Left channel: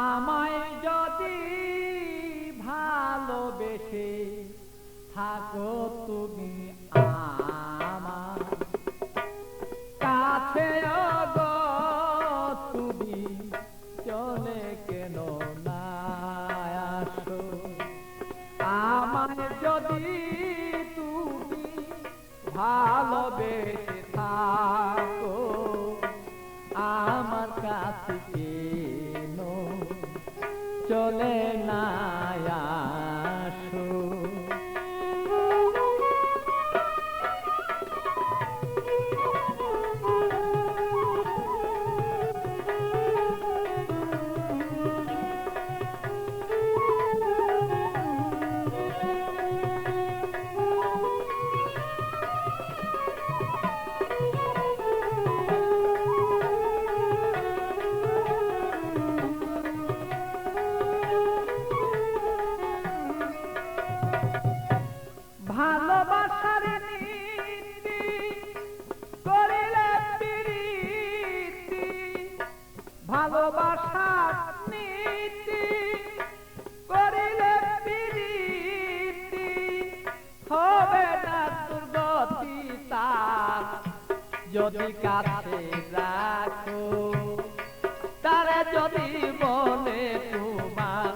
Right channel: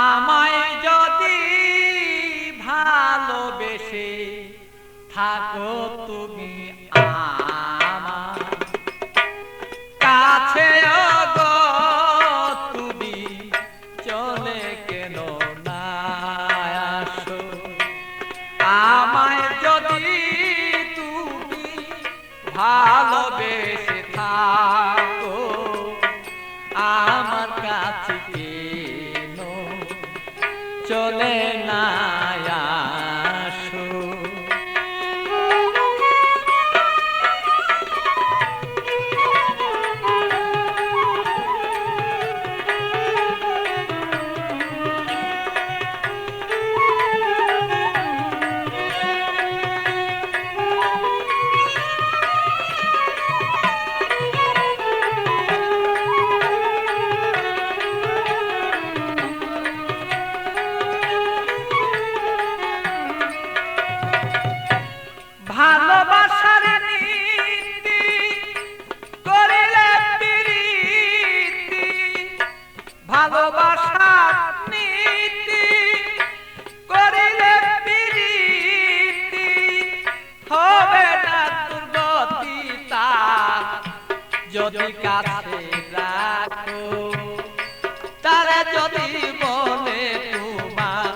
আমায় যদি ভালোবেসে থাকো তুমি আমার কাছে গো, তুমি চলে কেন না আসো? আমায় যদি তুমি ভালোবেসে থাকো আমার কাছে কেন চলে না আসো? ভালোবাসার নীতি করিলে প্রীতি, ভালোবাসার নীতি করিলে প্রীতি, হবে না দুর্গতি তার যদি কাছে রাখো। তারা যদি বলে তোমার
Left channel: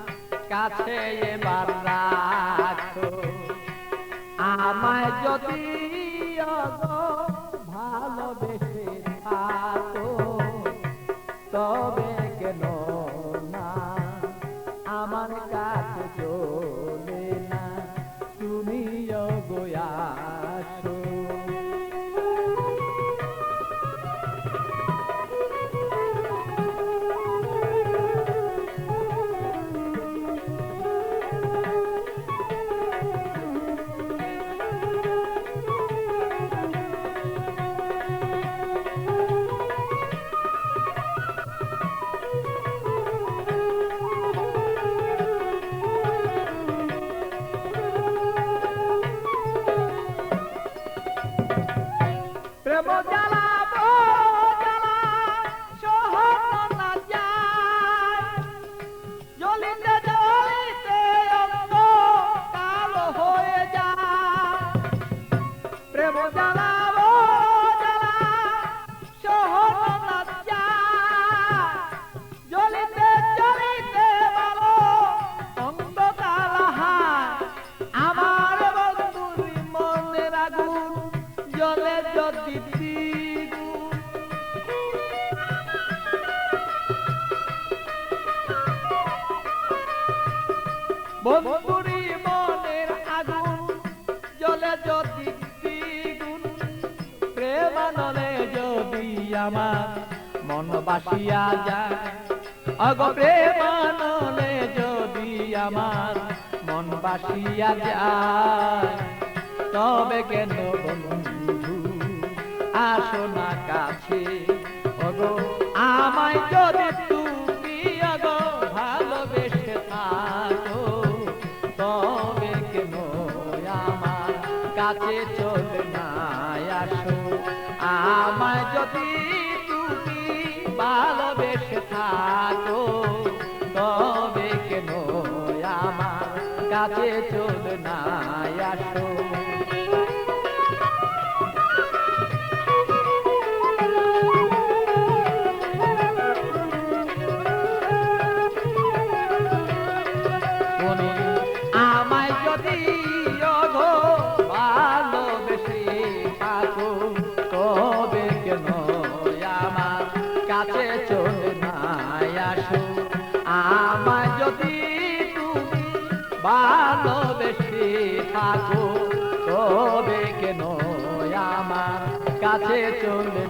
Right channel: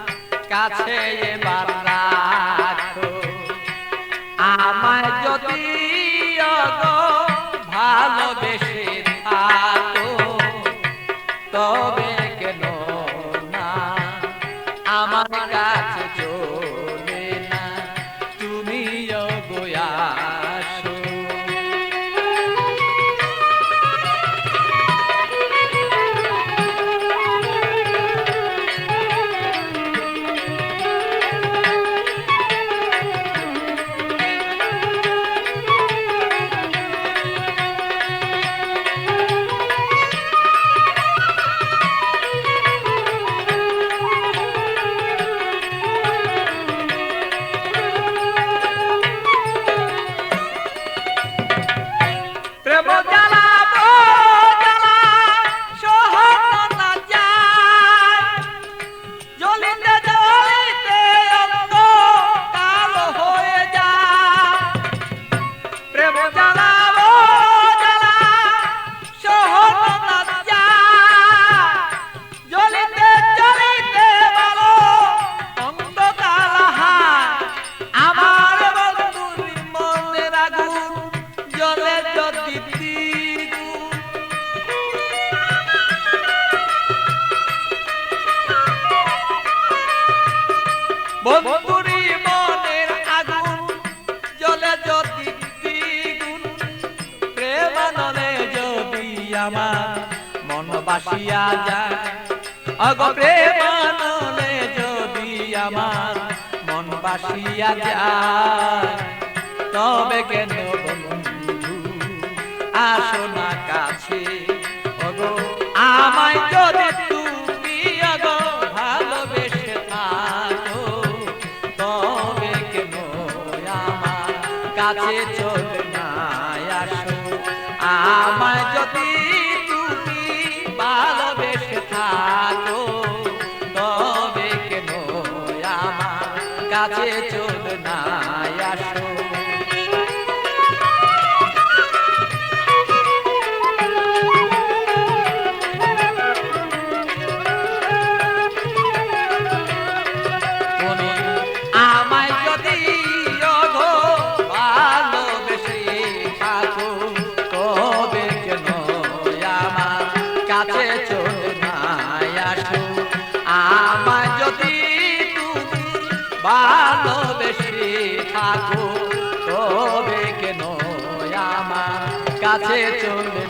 কাছে এবার রাখো, আমায় যদি ভালোবেসে থাকো তবে কেন না আমার কাছে চলে না তুমি আসো? প্রেম জ্বালা জ্বালা সহন না যায়, জ্বলিতে জ্বলিতে অঙ্গ কালো হয়ে যায়। প্রেম জ্বালা জ্বালা সহন না যায়, জ্বলিতে জ্বলিতে বলো অঙ্গ কালো হয়। আমার বন্ধুর মনের আগুন জ্বলে যদি দ্বিগুণ, বন্ধুরি মনের আগুন জ্বলে যদি দ্বিগুণ, প্রেমানলে যদি আমার মন বাসিয়া যায়। অগ প্রেমানলে যদি আমার মন বাসিয়া যায় তবে কেন বন্ধু আসো না কাছে? ওগো আমায় যদি তুমি ওগো ভালোবেসে থাকো তবে কেন আমার কাছে চলে না আসো? আমায় যদি তুমি ভালোবেসে থাকো তবে কেন আমার কাছে চলে না আসো? আমায় যদি ভালোবেসে থাকো তবে কেন আমার কাছে চলে না আসো? আমায় যদি তুমি ভালোবেসে থাকো তবে কেন আমার কাছে চলে